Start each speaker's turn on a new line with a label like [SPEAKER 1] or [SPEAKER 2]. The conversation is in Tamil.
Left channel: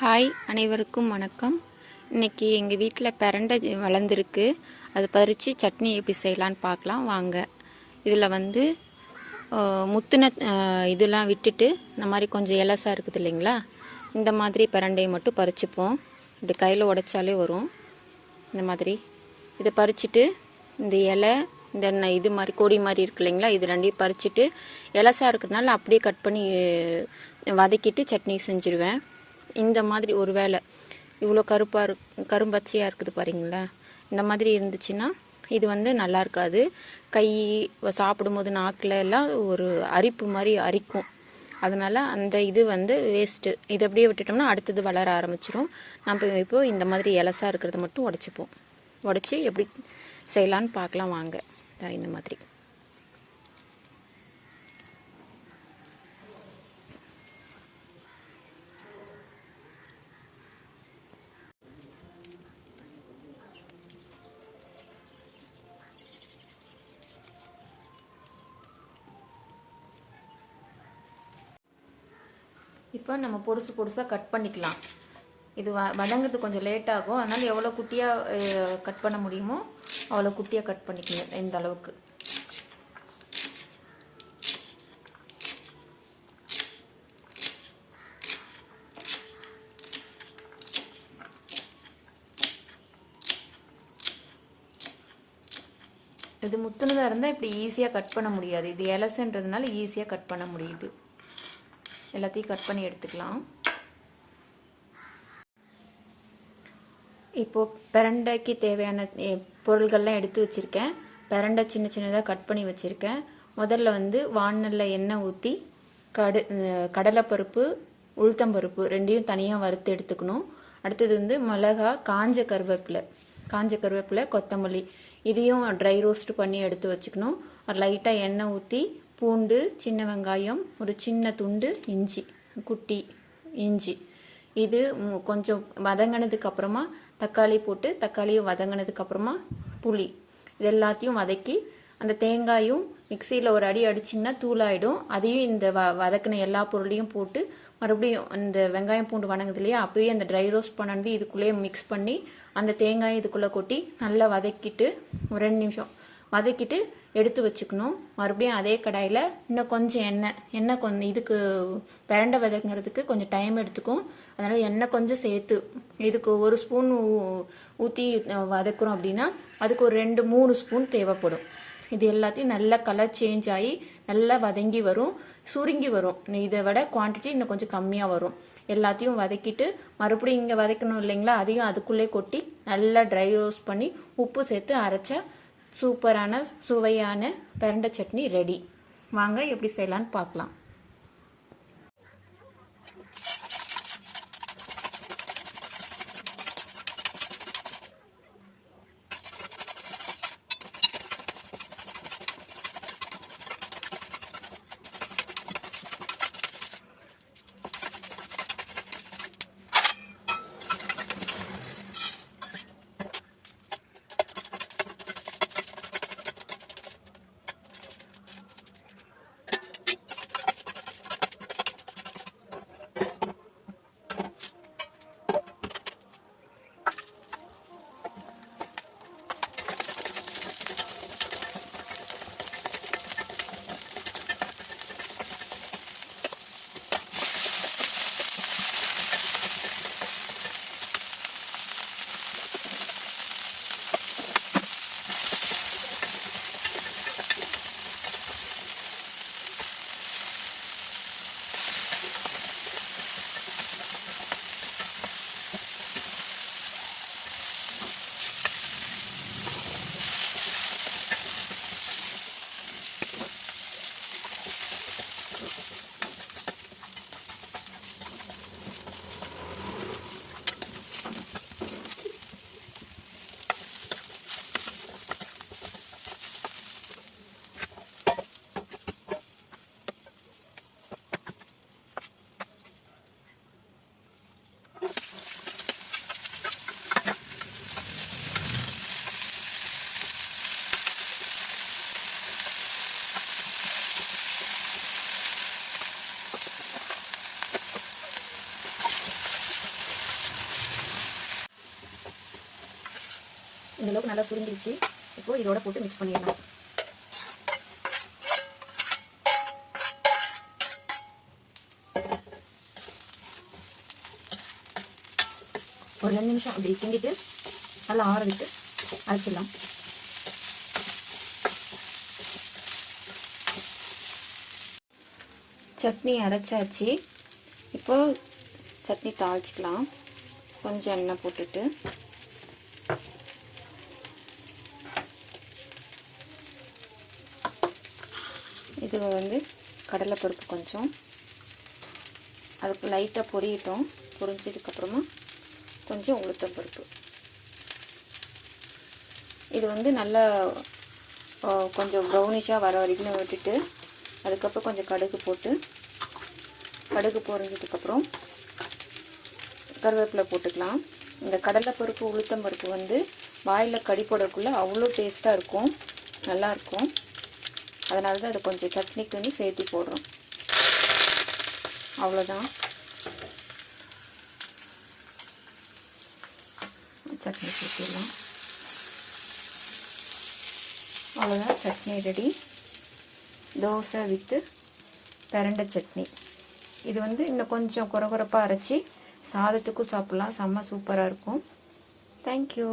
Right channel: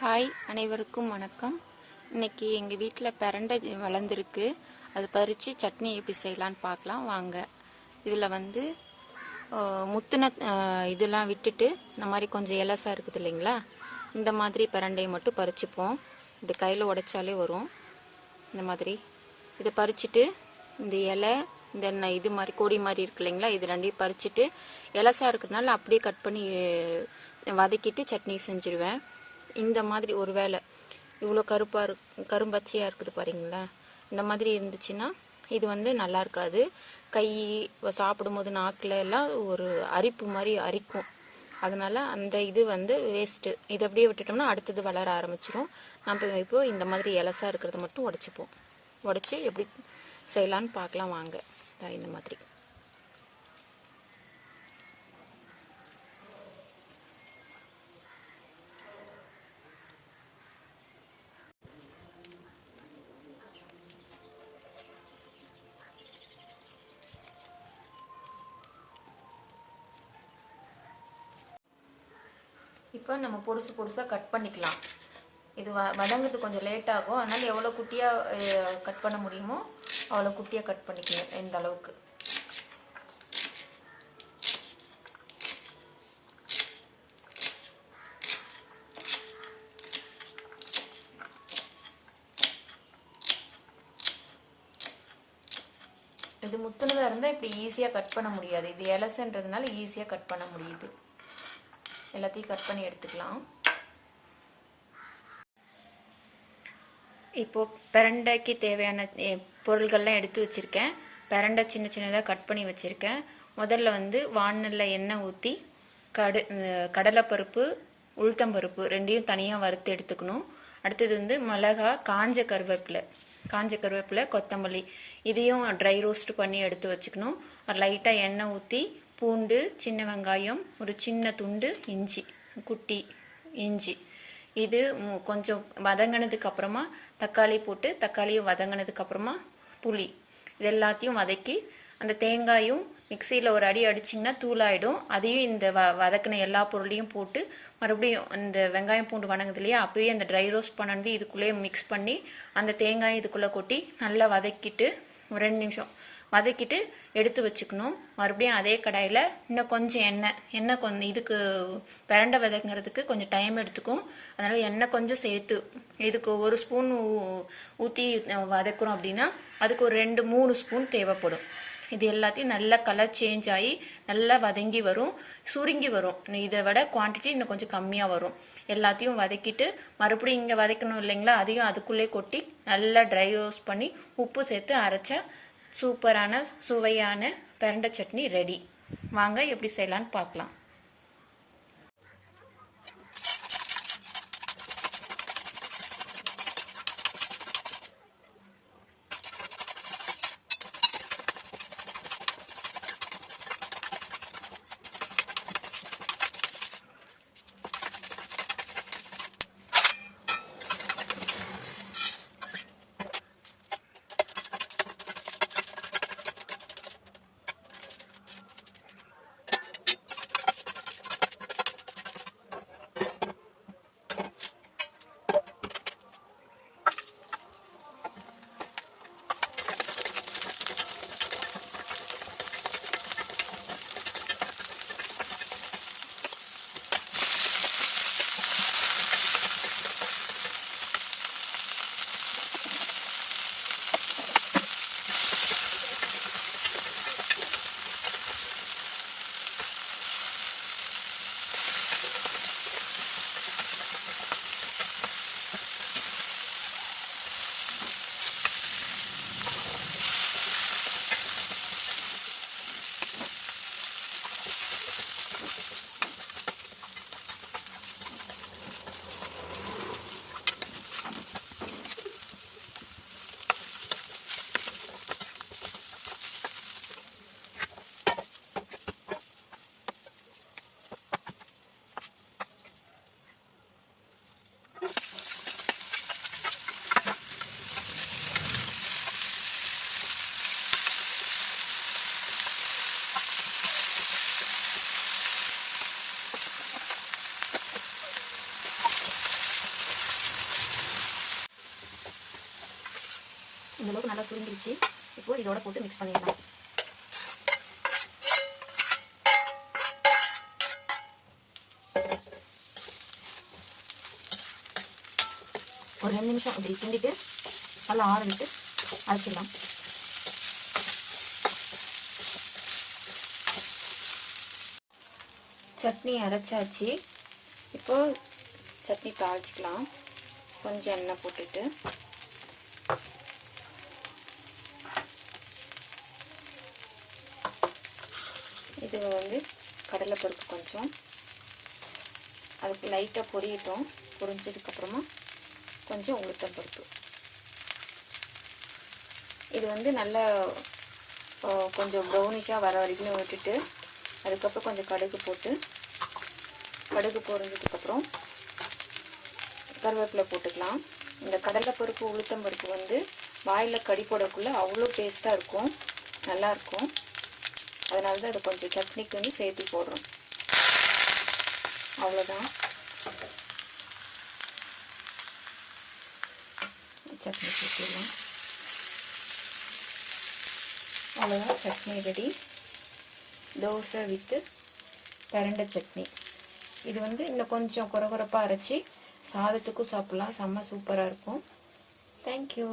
[SPEAKER 1] ஹாய் அனைவருக்கும் வணக்கம். இன்னைக்கு எங்கள் வீட்டில் பிரண்டை வளர்ந்துருக்கு. அது பறித்து சட்னி எப்படி செய்யலான்னு பார்க்கலாம். வாங்க. இதில் வந்து முத்துன இதெல்லாம் விட்டுட்டு இந்த மாதிரி கொஞ்சம் எலசாக இருக்குது இல்லைங்களா? இந்த மாதிரி பிரண்டையை மட்டும் பறிச்சுப்போம். இப்படி கையில் உடைச்சாலே வரும். இந்த மாதிரி. இதை பறிச்சுட்டு இந்த இலை இந்த என்ன இது மாதிரி கொடி மாதிரி இருக்கு இல்லைங்களா? இது ரெண்டையும் பறிச்சுட்டு இலசா இருக்கிறதுனால அப்படியே கட் பண்ணி வதக்கிட்டு சட்னி செஞ்சுருவேன். இந்த மாதிரி ஒரு வேளை இவ்வளோ கருப்பாக இருக்கு கரும்பச்சையாக இருக்குது பாருங்களா இந்த மாதிரி இருந்துச்சுன்னா இது வந்து நல்லா இருக்காது. கை சாப்பிடும்போது நாக்கில் எல்லாம் ஒரு அரிப்பு மாதிரி அரிக்கும். அதனால அந்த இது வந்து வேஸ்ட்டு இது அப்படியே விட்டுட்டோம்னா அடுத்தது வளர ஆரம்பிச்சிரும். நம்ம இப்போ இந்த மாதிரி இலசாக இருக்கிறத மட்டும் உடச்சிப்போம். உடச்சி எப்படி செய்யலான்னு பார்க்கலாம் வாங்க. இந்த மாதிரி. இப்போ நம்ம பொடுசு பொடுசாக கட் பண்ணிக்கலாம். இது வ வதங்கிறது கொஞ்சம் லேட் ஆகும். அதனால் எவ்வளோ குட்டியாக கட் பண்ண முடியுமோ அவ்வளோ குட்டியாக கட் பண்ணிக்கணும் எந்த அளவுக்கு. இது முத்துனதாக இருந்தால் இப்படி ஈஸியாக கட் பண்ண முடியாது. இது எலசுன்றதுனால ஈஸியாக கட் பண்ண முடியுது. எல்லாத்தையும் கட் பண்ணி எடுத்துக்கலாம். இப்போ பிரண்டைக்கு தேவையான பொருள்கள்லாம் எடுத்து வச்சுருக்கேன். பிரண்டை சின்ன சின்னதாக கட் பண்ணி வச்சுருக்கேன். முதல்ல வந்து வானல்ல எண்ணெய் ஊற்றி கடு கடலைப்பருப்பு உளுத்தம்பருப்பு ரெண்டையும் தனியாக வறுத்து எடுத்துக்கணும். அடுத்தது வந்து மிளகா காஞ்ச கருவேப்பிலை காஞ்ச கருவேப்பிலை கொத்தமல்லி இதையும் ட்ரை ரோஸ்ட் பண்ணி எடுத்து வச்சுக்கணும். லைட்டாக எண்ணெய் ஊற்றி பூண்டு சின்ன வெங்காயம் ஒரு சின்ன துண்டு இஞ்சி குட்டி இஞ்சி. இது கொஞ்சம் வதங்கினதுக்கு அப்புறமா தக்காளி போட்டு தக்காளியும் வதங்கினதுக்கு அப்புறமா புளி. இது எல்லாத்தையும் வதக்கி அந்த தேங்காயும் மிக்சியில் ஒரு அடி அடிச்சிங்கன்னா தூளாயிடும். அதையும் இந்த வ வதக்கின எல்லா பொருளையும் போட்டு மறுபடியும் இந்த வெங்காயம் பூண்டு வணங்குது இல்லையா அப்பயே அந்த ட்ரை ரோஸ்ட் பண்ணது இதுக்குள்ளேயே மிக்ஸ் பண்ணி அந்த தேங்காயை இதுக்குள்ளே கொட்டி நல்லா வதக்கிட்டு ஒரு ரெண்டு நிமிஷம் வதக்கிட்டு எடுத்து வச்சுக்கணும். மறுபடியும் அதே கடாயில் இன்னும் கொஞ்சம் எண்ணெய் எண்ணெய் கொஞ்சம் இதுக்கு பிரண்டை விதைங்கிறதுக்கு கொஞ்சம் டைம் எடுத்துக்கும். அதனால் எண்ணெய் கொஞ்சம் சேர்த்து இதுக்கு ஒரு ஸ்பூன் ஊற்றி வதக்குறோம் அப்படின்னா அதுக்கு ஒரு ரெண்டு மூணு ஸ்பூன் தேவைப்படும். இது எல்லாத்தையும் நல்லா கலர் சேஞ்ச் ஆகி நல்லா வதங்கி வரும் சுருங்கி வரும். இதை விட குவான்டிட்டி இன்னும் கொஞ்சம் கம்மியாக வரும். எல்லாத்தையும் வதக்கிட்டு மறுபடியும் இங்கே வதக்கணும் இல்லைங்களா? அதையும் அதுக்குள்ளே கொட்டி நல்லா ட்ரை ரோஸ்ட் பண்ணி உப்பு சேர்த்து அரைச்சா சூப்பரான சுவையான பிரண்டை சட்னி ரெடி வாங்க எப்படி செய்யலான்னு பார்க்கலாம். இந்தளவுக்கு நல்லா சுருங்கிருச்சு. இப்போ இதோட போட்டு மிக்ஸ் பண்ணிடலாம். ஒரு ரெண்டு நிமிஷம் அப்படி கிண்டிட்டு நல்லா ஆரம்பித்து அரைச்சிடலாம். சட்னி அரைச்சாச்சு. இப்போ சட்னி தாளிச்சிக்கலாம். கொஞ்சம் எண்ணெய் போட்டுட்டு. இது வந்து கடலைப்பருப்பு கொஞ்சம். அதுக்கு லைட்டாக பொரியட்டும். பொரிஞ்சதுக்கப்புறமா கொஞ்சம் உளுத்தப்பருப்பு இது வந்து நல்லா கொஞ்சம் ப்ரௌனிஷாக வர வரைக்கும் விட்டுட்டு அதுக்கப்புறம் கொஞ்சம் கடுகு போட்டு கடுகு பொரிஞ்சதுக்கப்புறம் கருவேப்பிலை போட்டுக்கலாம். இந்த கடலைப்பருப்பு உளுத்தம்பருப்பு வந்து வாயில் கடி போடக்குள்ளே அவ்வளோ டேஸ்ட்டாக இருக்கும். நல்லாயிருக்கும் அதனால தான் அதை கொஞ்சம் சட்னிக்கு வந்து சேர்த்து போடுறோம். அவ்வளோதான். சட்னி சேர்த்துடலாம். அவ்வளோதான் சட்னி ரெடி. தோசை வித்து பிரண்டை சட்னி. இது வந்து இன்னும் கொஞ்சம் குறகுறப்பாக அரைச்சி சாதத்துக்கும் சாப்பிட்லாம். செம்ம சூப்பராக இருக்கும். தேங்க்யூ